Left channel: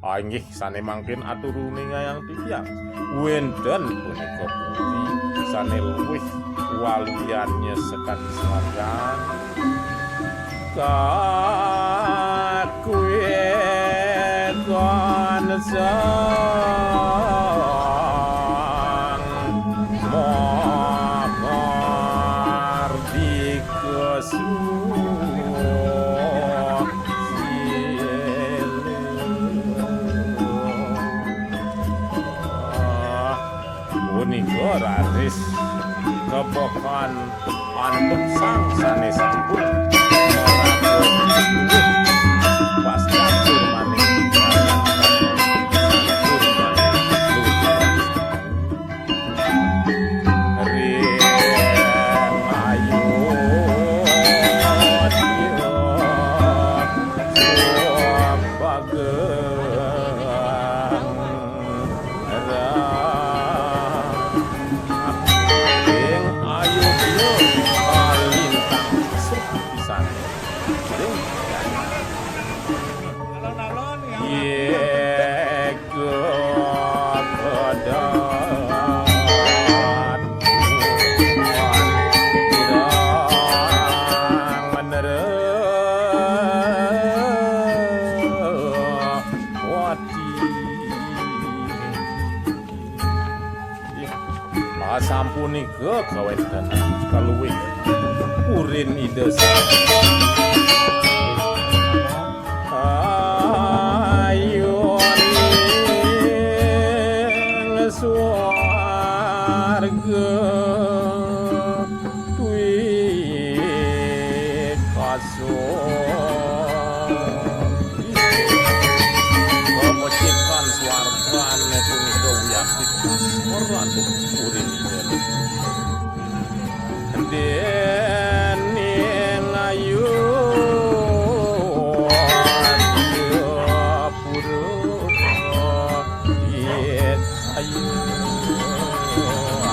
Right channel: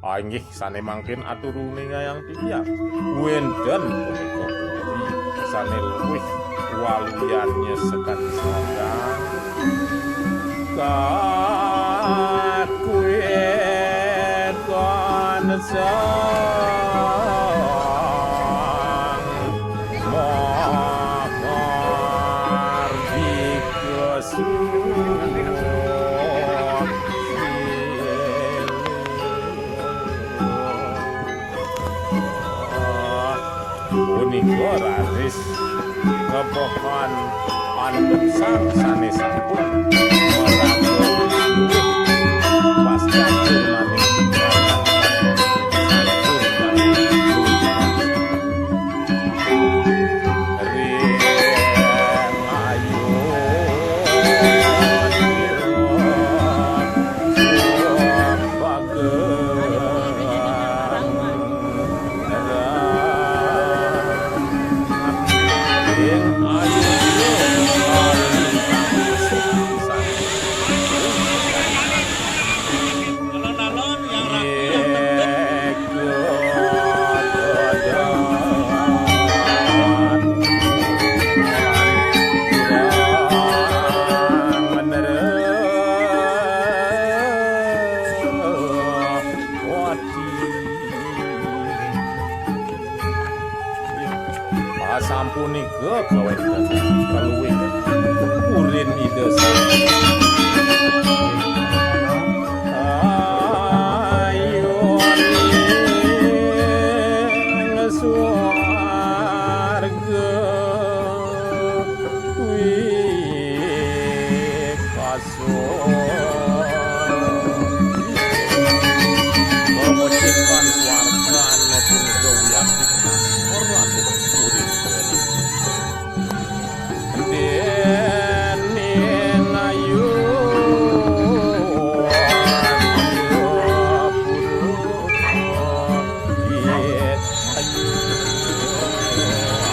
Inggih sane mangkin aturune ngayang tiyang. Wenden punika pundi sane luwih waluyan nyesekan sadan. Kakuwe kon sang mokor dikesu punika raris kepokon andhep sang sanesipun maraga luwih pas catur maning karang catur maning reng ayu sampunika kawentenan kaluwih urin ide sang ayuning swarga duwe kepecikan swargane punika wiyakti ora urin dening ayu yet ayu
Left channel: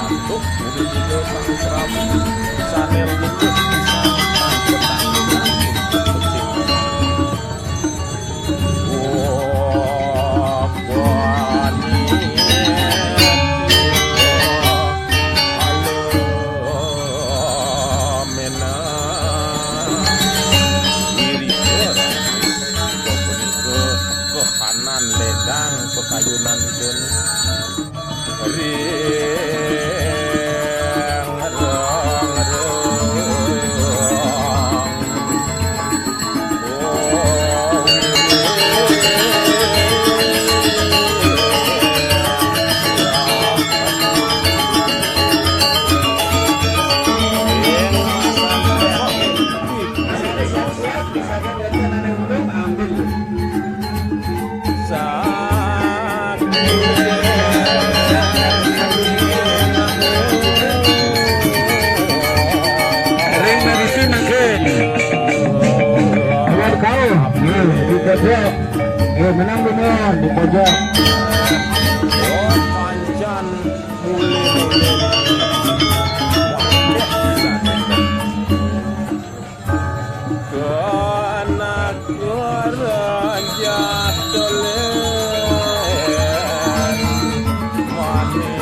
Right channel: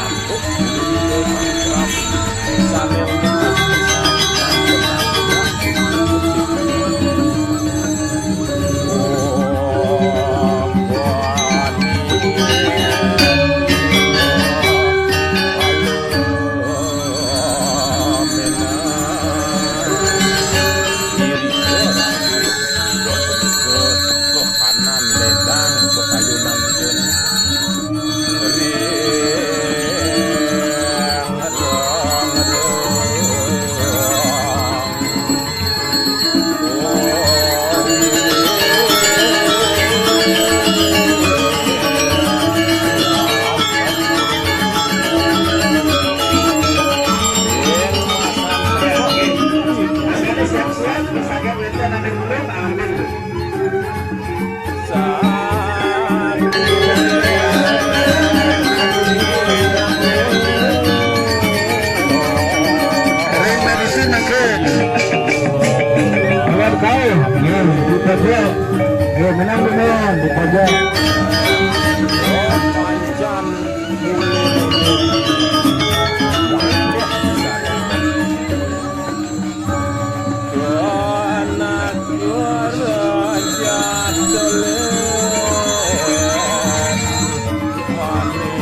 antuk punika sang prabu sanel pisan tanpa tanggungan ledang pekayunan pun ring rong oh menang di pojok. Oh pancan mule wakeh bisa kena keraja dolen manik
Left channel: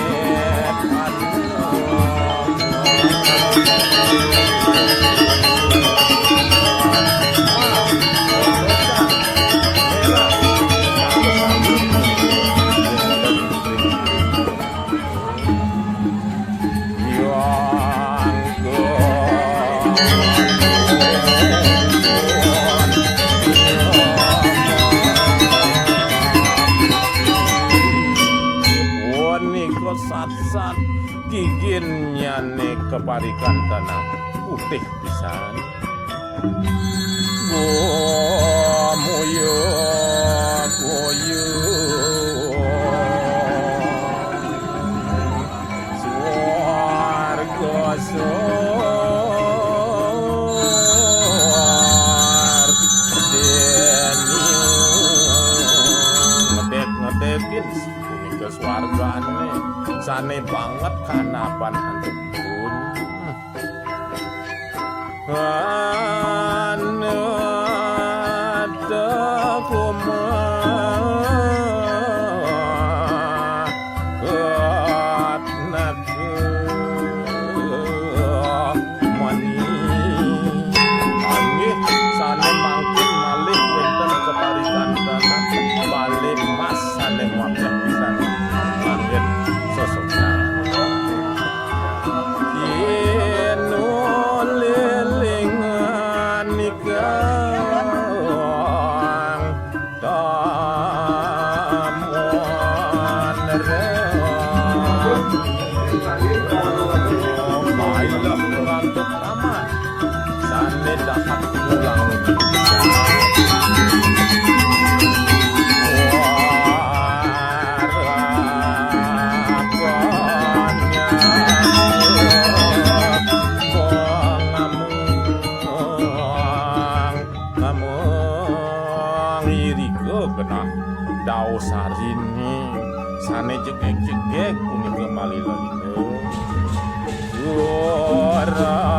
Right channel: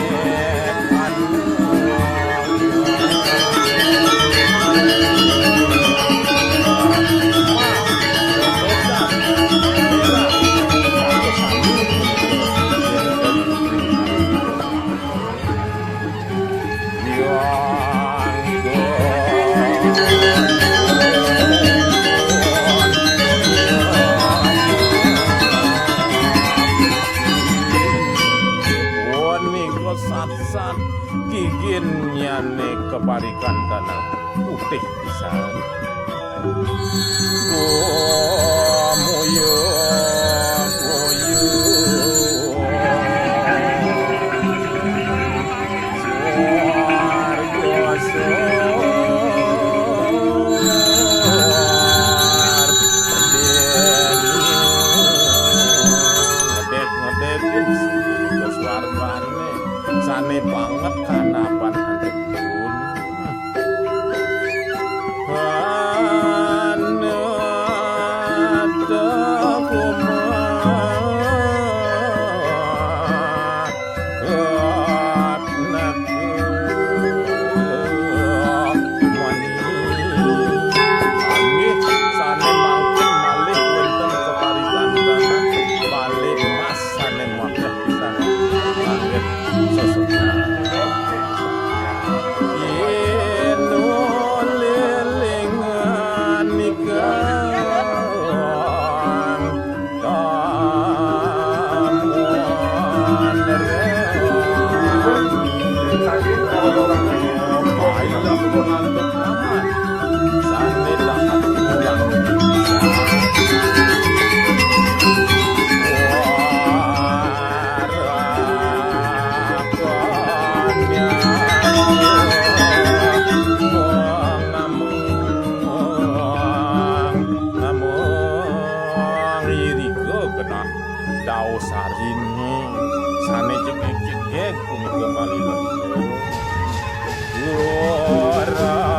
sat-sat gigin nyane keparikan tanah putih pisan gomoyo swarga sor ngedet-ngedetin punika swargane sane banget kanapan antepun anata kuman Mas sane mapeh pisan anggen sosokna inu lilingan nikang tamuan remi baiklah ngantuk amat sane dahat ulang bisa genah dao sarini sane jegek-jegek punika malila itu ora